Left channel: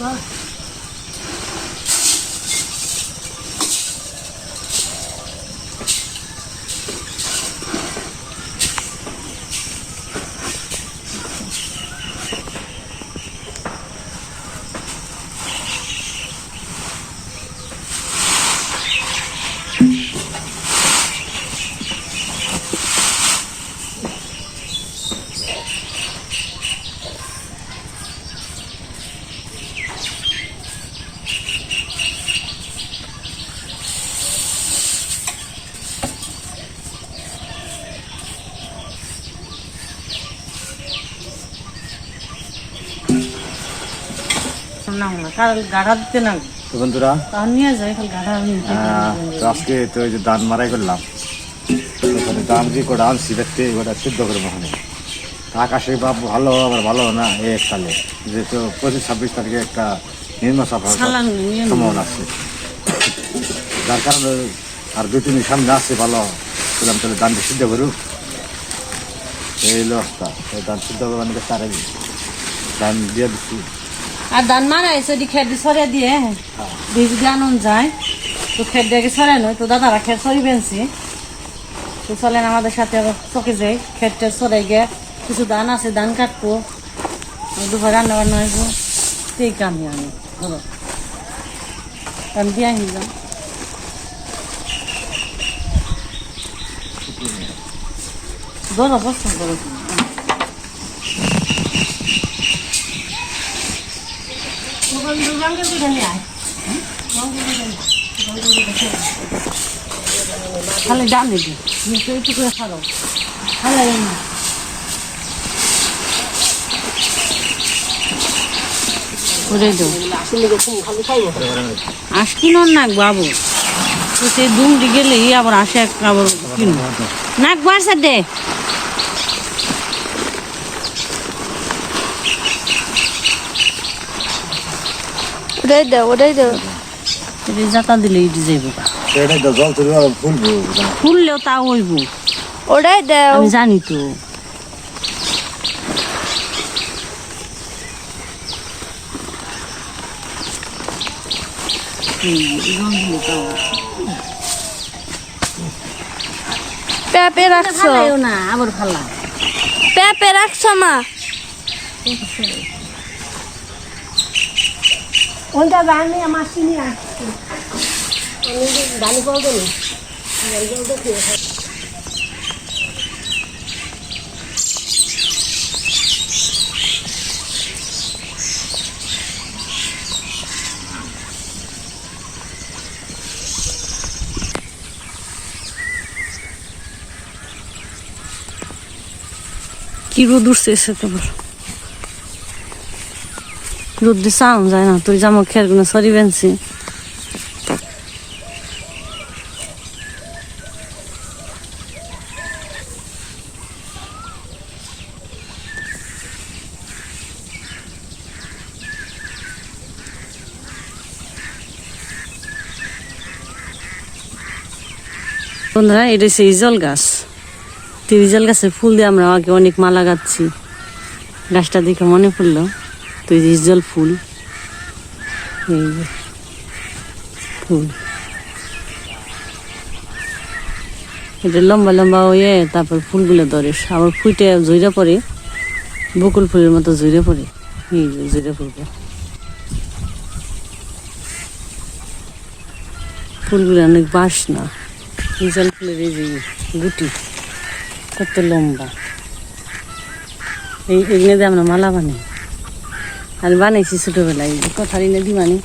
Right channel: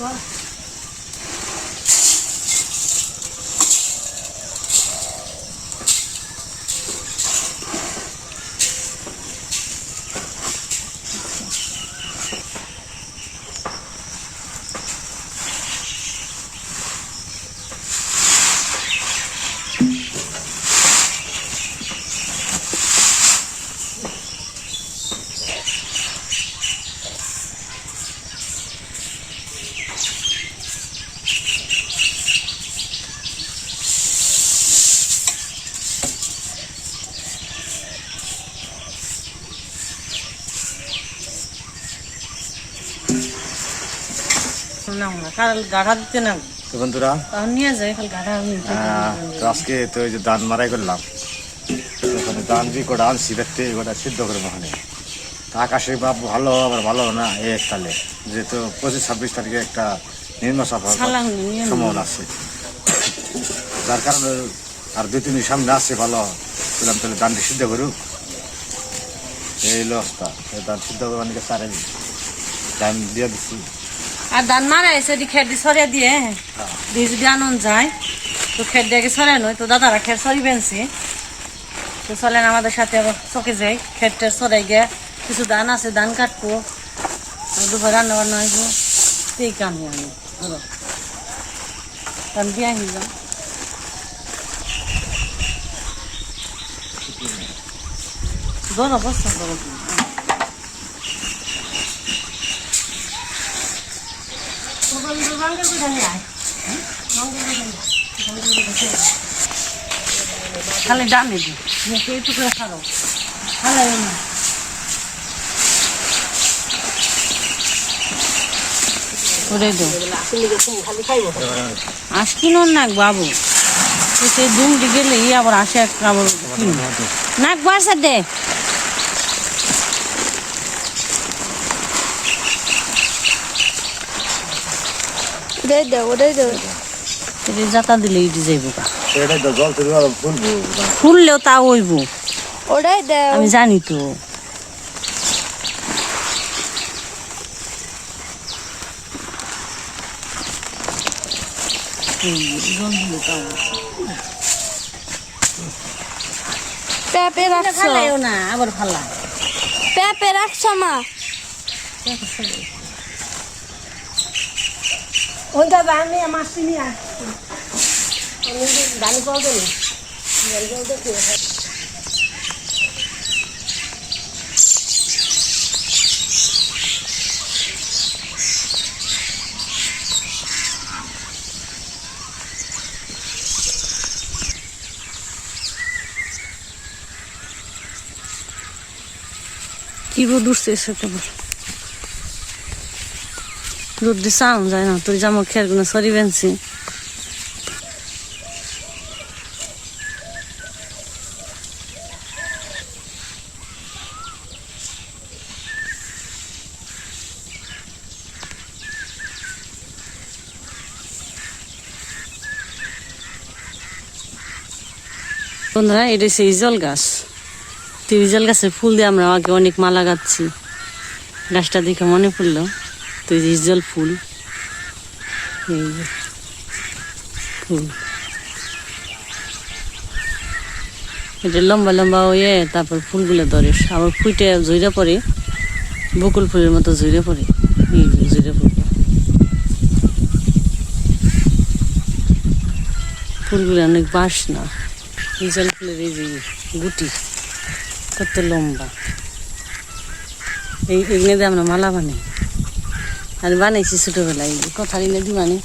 না তো বন্ধুরা আহ, তো আজকে তো এই যে ধান মারাই করলাম। ওখানে ধান যে কটা আনছি ওটা সিদ্ধ করে ওখানে তা আকাশে বা ভালো আবার ভালো না এই সালে। যেহেতু পঁচিশ ছাব্বিশ তারিখে একটা নিয়ে সম্ভাবনা আছে। যার কারণে আর দুই তিন সামনে আসছে ভালো। বললাম তাহলে ধানটি সিদ্ধ করুক। এই অবস্থা। ধান সিদ্ধ করে অনেকে সারে ধান দিয়ে দিচ্ছি আর ধান এসে দি খের দি সরিয়া দিয়ে যদি আনন্দ যায়। তো খের দিয়ে সরাই নয়, তো দাদারা খের সরি বেনছি তো চলেন আমাদের সাথে আবার চকে যাই। খের টের সরাই গিয়ে কিছু ধান আছে, ধান কাটবো। দুপুর রান্না বান্না হইব। সেই কামি আমি, ধরো। ধান দিয়ে আহি যাও। রঙের করে খালি ডানে দি এইটুকু খালে দেবো আস কিনো না সেই দুমটি গেলে আবার আসে আবার নাক বাসা দে ওটাই দাও ওটাই দাও। দিলে ইটি যাইবে এটাই জল ফুলবো। ফুললেও তা হইব। ওটাই দাও। আমি জানি তো। পেঁপে রাখছো। না আবার ভালো পেঁপে রাখছো মা। ওইটা জানি আমার চিনি আসছে। আমি জানি পাবো না কি রোদ উঠছে সাথে রোদ দিয়ে চাউন যায় না তুই জামা খেয়ার কোনো সরি বেনছি বন্ধুরা, এটা হচ্ছে ইজল গাছ। তো ইজল গাছের ফুল দিয়ে আমরা আগে অনেক মালা গাচ্ছি। গাছটা দেখে মনে পড়ল। তো যে ফুল। এই ফুল। এটা লম্বা লম্বা হয়ে তারপর ফুলগুলো ধরে। আবার ফুটে জইরা পড়ে। বকুল ফুলের মতো জইরে পড়ে। এই যে পড়বে। ফুলগুলো অনেক বাস না। ইজল ফুলের এই যে গুটি কত লম্বা। এই এগুলো দিয়ে আমরা মালা বানাই। আর বানাইছি ছোটবেলায়। কথার এনে দি মানে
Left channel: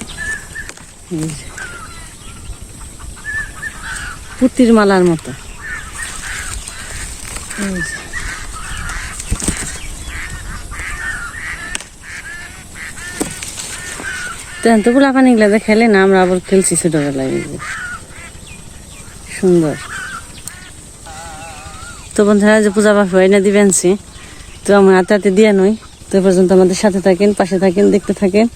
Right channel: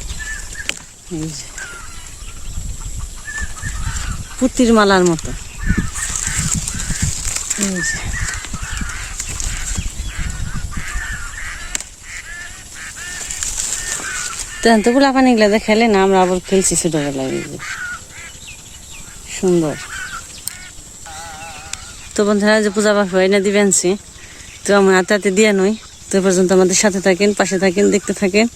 পুতির মালার মতো। তো এতগুলা পানিগুলো দেখালে না, আমরা আবার খেলছি ছোটবেলায়। সুন্দর। তো বন্ধুরা যে পূজা পাঠ হয় না দিবেনছি তো আমি হাতে হাতে দিয়ে নই। তো পর্যন্ত আমাদের সাথে থাকেন পাশে থাকেন দেখতে থাকেন।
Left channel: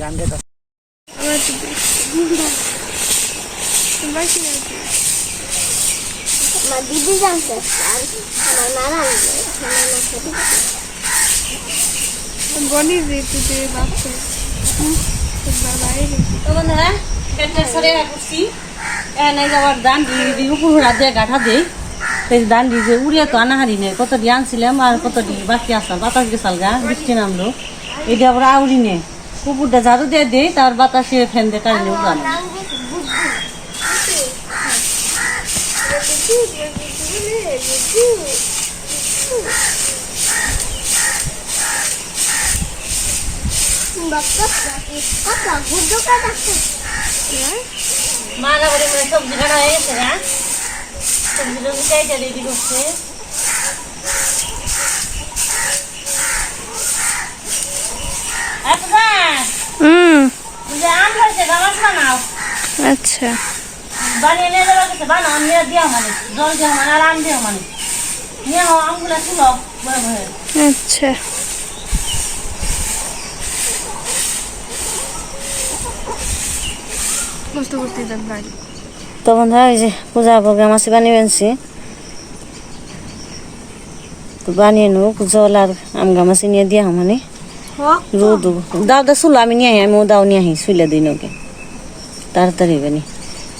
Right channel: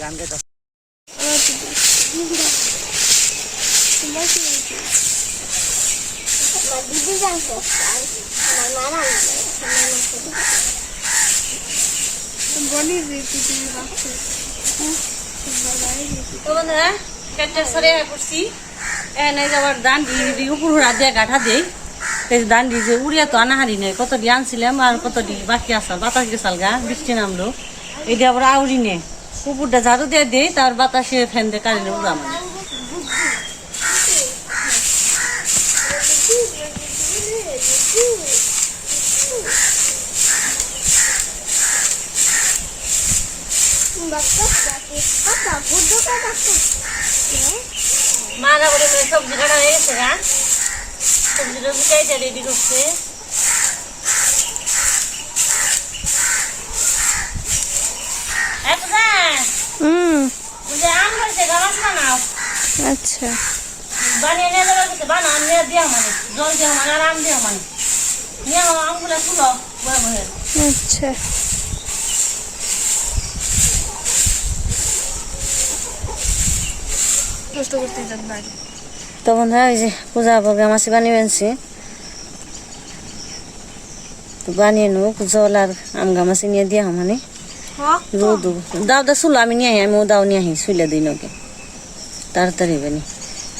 গান গাইতে আমার দিদি জানতে আমার নানা বলি দিদি বাচ্চা তো বন্ধুরা পড়ছি এনে যাওয়ার দান দিয়ে উপর হাত দিয়ে গাঠা দেই এই দান দিয়ে যে উড়িয়ে তো আনাহারি নেই কত দিয়ে আনছিলাম আর কত দিয়ে বাকি আসাল বাতাস গেছাল গা বৃষ্টি নামলো এই দিয়ে আবার আউরি নে উপরটা ঝাড়ু দিয়ে দেই তার বাতাসে ফ্যান দিয়ে কারেন্টে উড়ানো মারা করে মেয়ে সবজি কাটা হয়ে গেছে রেডি করছে। আম হয়েছে গামাস বানাও। আচ্ছা। বানিয়ে নিয়ে যাওয়া গেছে বানাও আমি দিয়া মানে জল দিয়া মানে আর আম দিয়া মানে। নিয়ে আমগুলো তুলো বয়ে বয়ে আচ্ছা। তো বন্ধুরা ওই যে পূজা ভোগে মাছি বানিয়ে আনছি তো বানিয়ে নেব জল আর আম গামাছি নিয়ে দিয়া মানে। রোদ দাও দা চুলো আমি নিয়ে আহি আমি দাও নিয়ে আহি শুইলে দিই নকে তাড়াতাড়ি বানি।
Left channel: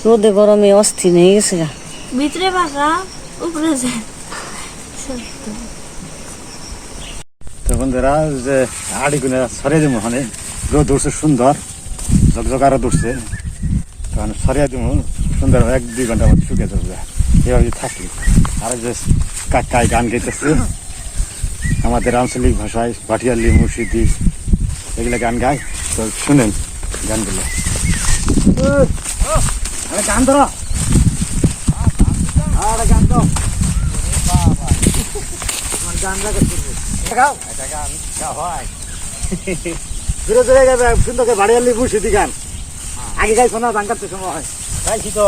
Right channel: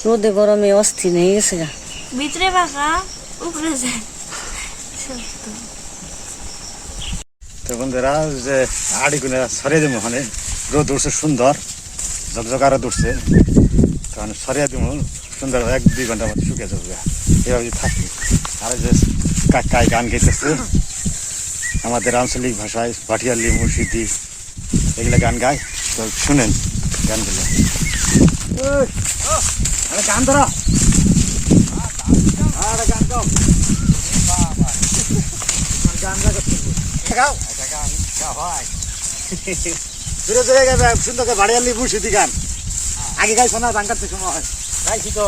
রোদে গরমে অস্থির হয়ে গেছে গা। ভিতরে পাকা উপরে যায় তো বন্ধুরা যে আড়িগুলো সরিয়ে দিব ওখানে রোদ উঠছে সুন্দর। ঝকঝক আরও উঠছে। তখন সরিয়ে দিব সুন্দর এক দুই ঘণ্টার মধ্যে শুকিয়ে যাবে। এভাবে থাকি আর যে কাকাই গান গাইতেছে। আমাদের আঞ্চলিক ভাষায় ভাটিয়ালি মুর্শিদি এগুলো গান গায়। তো শুনেন গানগুলো। গান ধরো। গান তো গান গাও জোরে জোরে গাবে সুন্দর করে বাড়ি আনলি মুর্শিদি গান। আগে গাইছো না গান কাটতে সময় গাইছি তো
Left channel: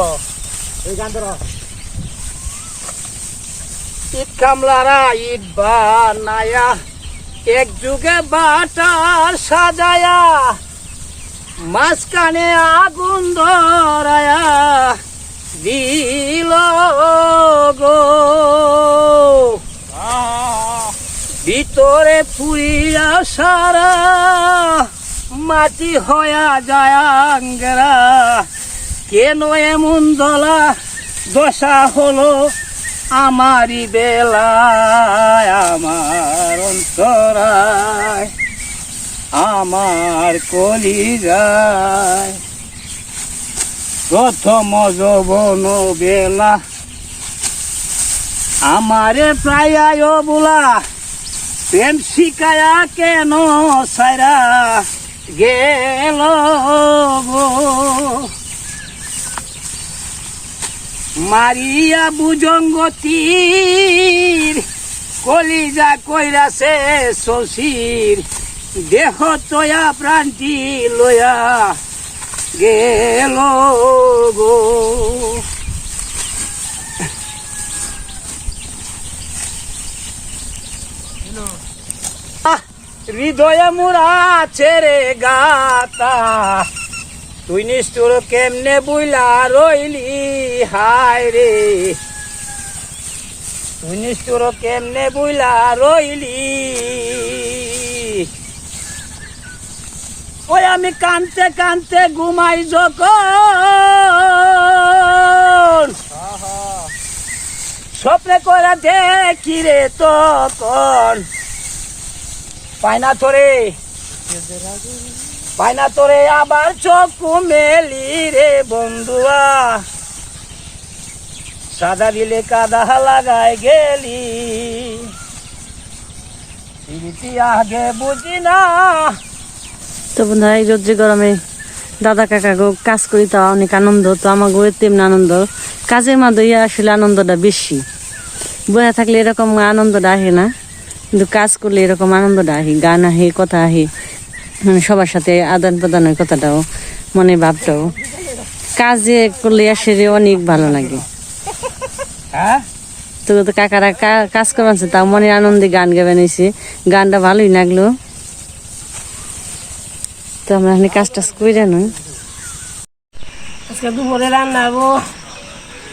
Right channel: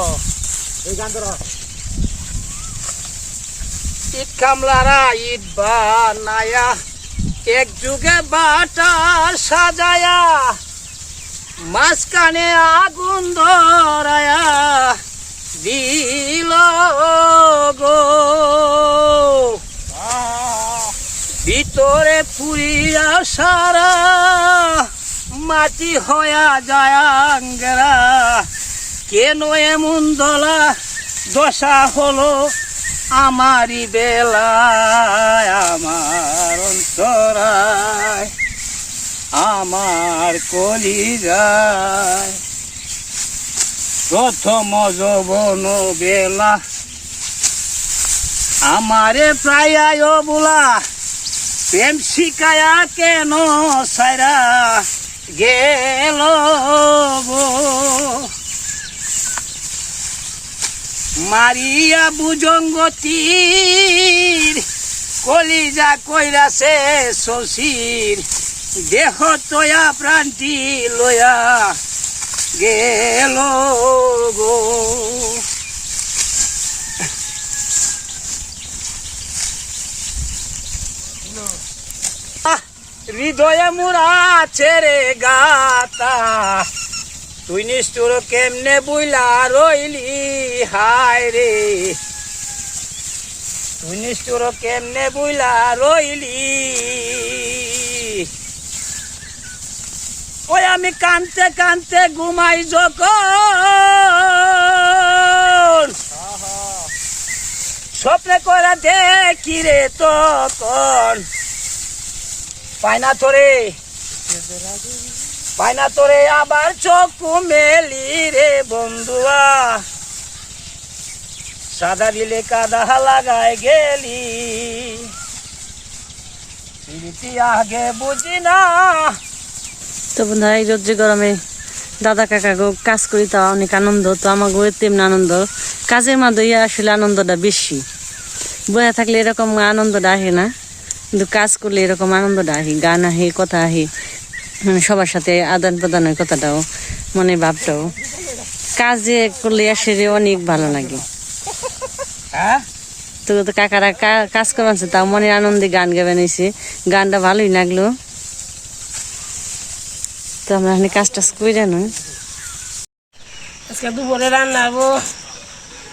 এই গান ধরো। ইট কামলারা ইট এক যুগে বাটার সাজায়া, মাঝখানে আগুন ধরায়া দিল গো। ভিতরে পুরিয়া সারা মাটি হয়া যায় আঙ্গেরা। কেন এমন দলা দশা হলো আমারই বেলায়, আমার অন্তরায়, আমার কলি যায় প্রথম যৌবন বেলা, আমারে প্রায় বুলা প্রেম শিকায়া কেন সারা গেল মারিয়া বুজঙ্গতির কলিজা কইরাছে শশীর দেহ তয়া প্রান্তি লয়া গেল গো। হৃদয়ে মুরা ছেড়ে গাতা। তুই নিষ্ঠুর কেমনে বুইলা রইলি? হায় রে। তুই নিষ্ঠুর কেমনে বুইলা রইলি? ওই আমি কানতে কানতে ঘুমাই যখন। স্বপ্নে করা দেখি রে তখন। পায়না তোরে। পায়না তোরে আবার চোখ মেলি রে বন্ধুয়া। সাদা দিলে কাদা লাগায় গেলি। আগে বুঝি না। তো বন্ধুরা, এই রোদ্রে গরমে দাদা কাকা গো কাজ করি তা অনেক আনন্দ, তো আমাগো তেমন আনন্দ। কাজের মাধ্যমে আসলে আনন্দটা বেশি। বয়া থাকলে এরকম আনন্দটা আসে না। কিন্তু কাজ করলে এরকম আনন্দটা আসে গান আহে কথা আহে। মানে সবার সাথে আদান প্রদানের কথাটাও মনে ভাবটাও। কাজে করলে আসলে অনেক ভালো লাগে। হ্যাঁ? তো তো কাকারা কা- কাজ করছে তাও মনে আনন্দে গান গাবে নিছে। গানটা ভালোই লাগল। তো আমরা এখানে কাজ টাজ করে নই। আজকে দুপুরে রান্না হব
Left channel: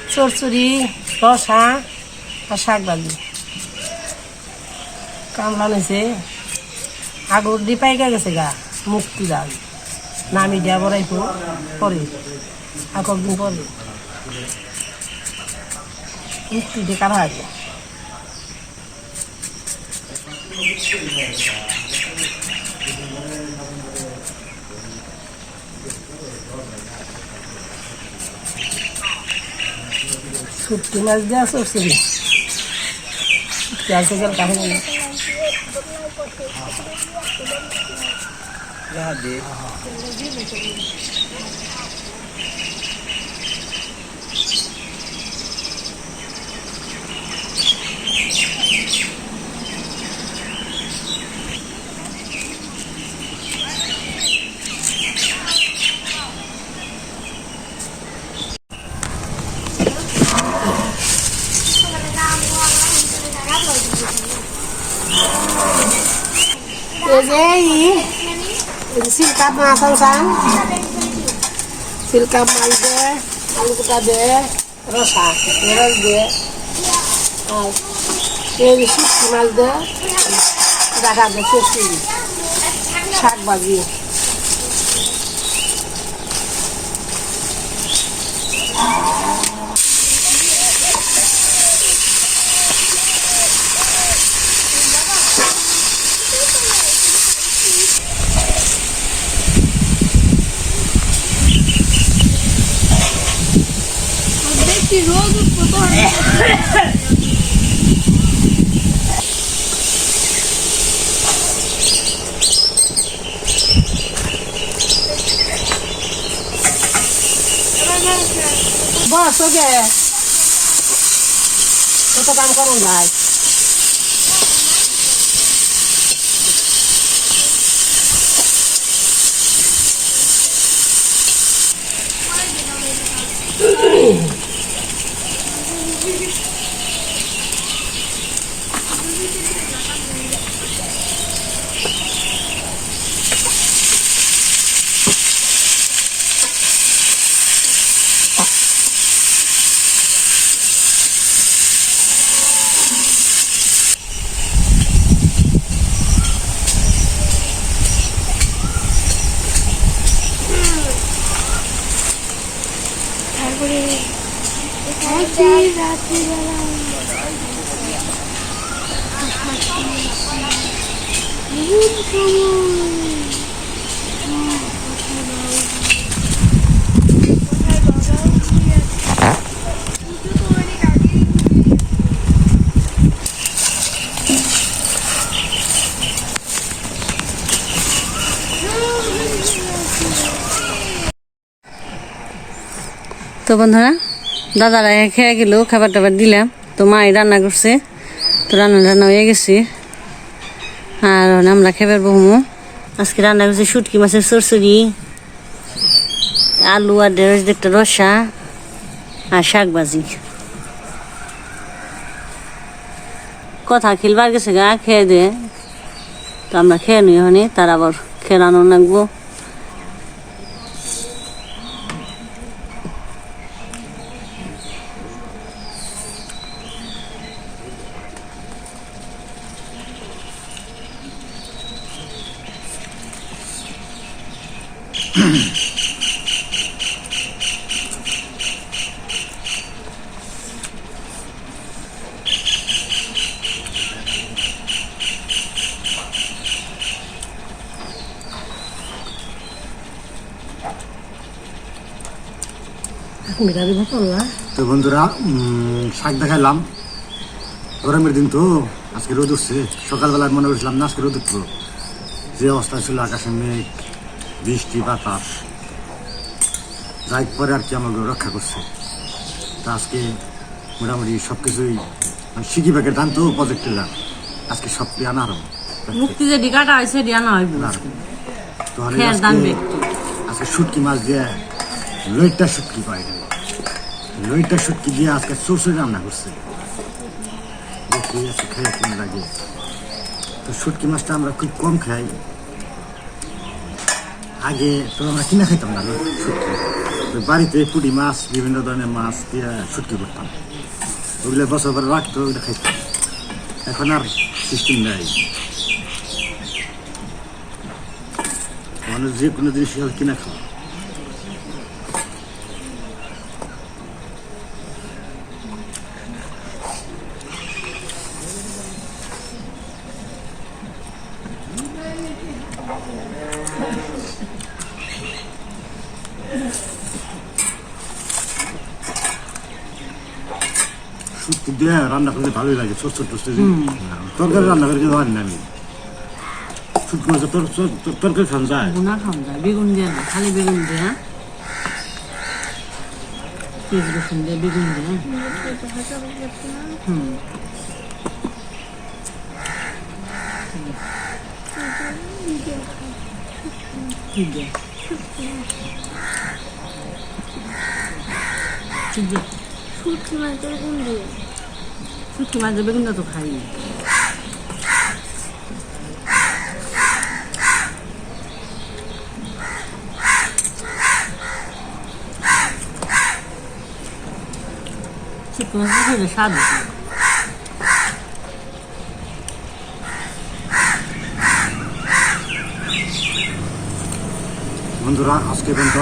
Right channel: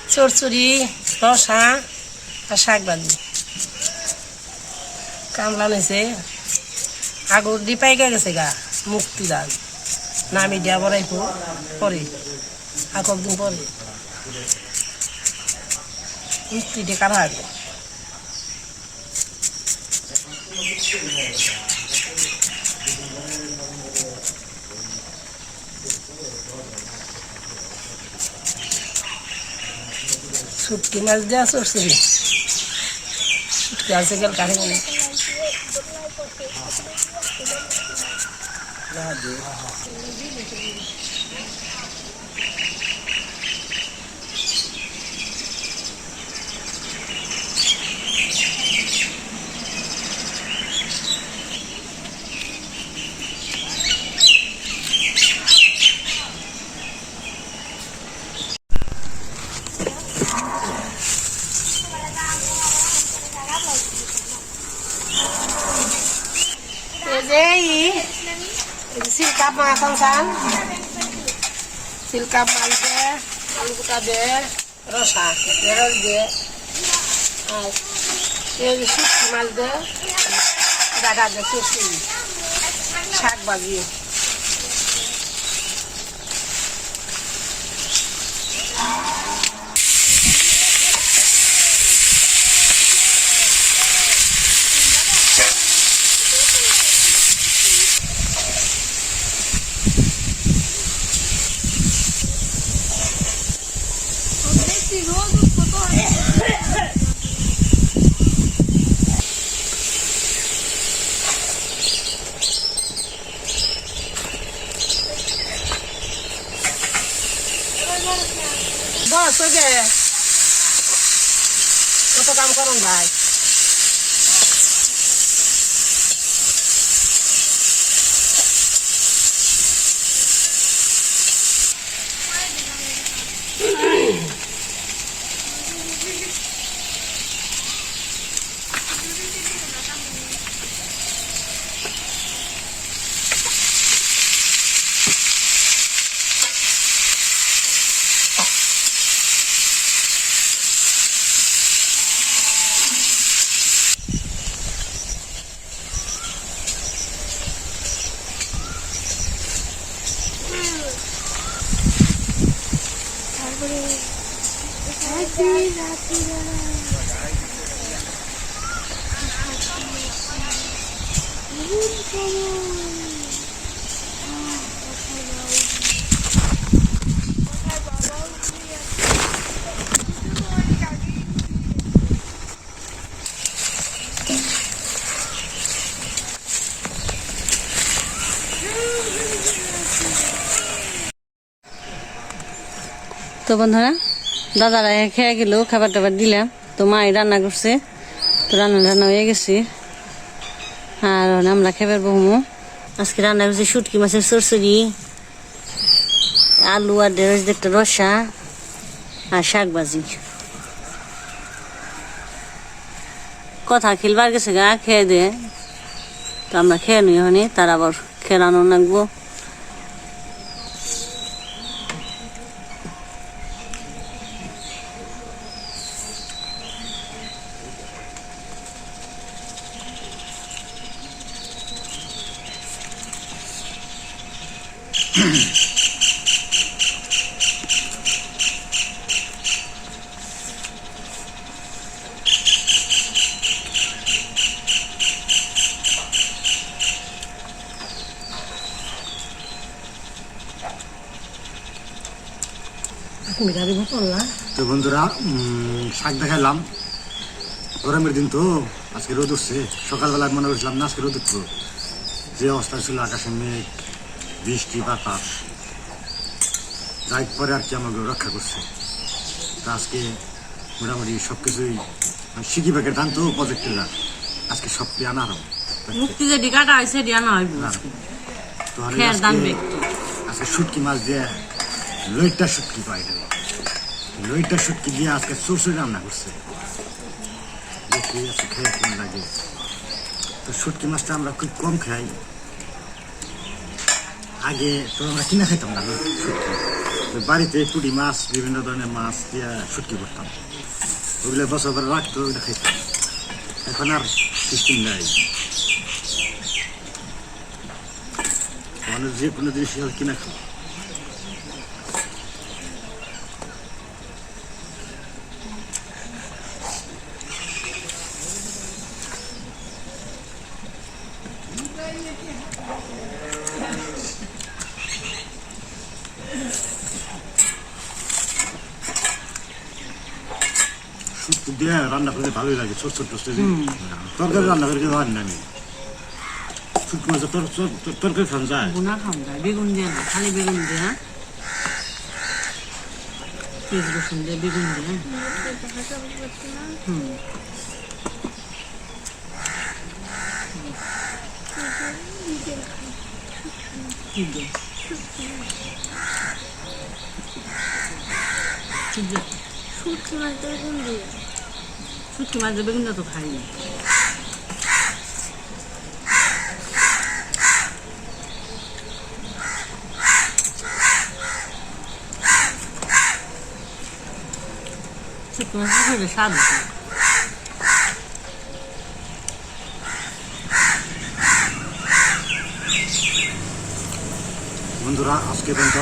চরচুরি রসা আর শাক ভাজি কামলা নিছে আগর দি পাইকা গেছে গা, মুক্তি ডাল নামি দিয়া বড়াইবো, পরে। আর কয়েকদিন পরে? মুক্তি দিয়ে কাটা হবে শুটকি মাছ দেওয়া চরচুরি শুটকি আছে গেল কাঠে গেলে এই যে এই সিলকাপ মাছ চিলকা মাছ দে আলু কুটা দে রসা রস দে আর শুটকি মাছ দে দেখা দে চুষি শাক ভাজি। দেখি রোদ উঠবো তো বস ওকে কত কাম করুন ভাই তারপরে রাত্রি রাত্রিবেলা ঘুম সময় কোথায় বাবা উঠে আছে পুজো তো অনেক আগেই তো বন্ধুরা, দাদারা খেয়ে গেল খাবার টাবার দিলাম। তো মাই রান্না করছে, তো রান্না রান্না হয়ে গেছে। আর আমরা খেবার বহুমু। আজকে রান্না করছি শুটকি মাছের সরসরি আলু আর ঢেঁড়স একটা রসা আর শাক ভাজি। কথা খেলবার গেছে গা, খেয়ে দে। তো আমরা খেয়ে নিই ওখানে তার আবার খেলানো লাগবো। তো বন্ধুরা শাক দেখাইলাম। গরমের দিন তো, আজকে রোদ উঠছে। সকালবেলা মনে করছিলাম না, আজকে রোদ উঠবো। যে অবস্থা ছিল, আকাশে মেঘ বৃষ্টি বাতাস। যাই পরে আর কি আমাকে রক্ষা করছে। তা আজকে মোটামুটি সব কিছুই মানে সিকি ব্যাগের ধান তো প্রজেক্টের আজকে সব আনা আরম্ভ। মুক্তি যে ডিকাটা হয়েছে দিয়া তো দান আজকে- শুটকি মাছ দিয়ে লইটা শুটকি পাই রে লইটা শুটকি দিয়ে আজকে সরষে রান্না করছে। দেখি আজকে খেয়ে কেমন লাগে। তো শুটকি মাছটা আমরা খুব কম খাই। আগে তো আমরা কিনা খাইতাম না শুটকি বাড়িতে পুঁটি মাছ, বিভিন্ন ধরনের মাছ দিয়ে শুটকি করতাম। ওগুলো বছর পরে রাখতো, ওগুলো খাইতাম। এখন আর সিস্টেম নেই। মানুষ যে কোনো জিনিস কিনে খাওয়া। দিয়ে রান্না করলে ভালোই লাগে ছোট ছোট তরকারি রান্না করে কিন্তু হয় না আমি শুটকি মাছ তরকারি খান যায় গুনা খাওয়া যায় বেগুন দিয়ে না খালি বেগুন দিয়ে পেঁয়াজ রসুন দিয়ে বেগুন দিয়ে হুম ঠিক আছে শুটকি মাছ বেগুন দিয়ে শুটকি মাছ বেগুনটা তো খাই না শুটকি মাছ খেলে স্বাদ বন্ধুরা আজকে পর্যন্ত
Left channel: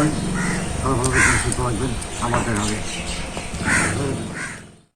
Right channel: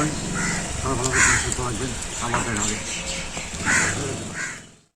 সবাই ভালো থাকবেন সুস্থ থাকবেন। আমার দেখা হবে। Thank you.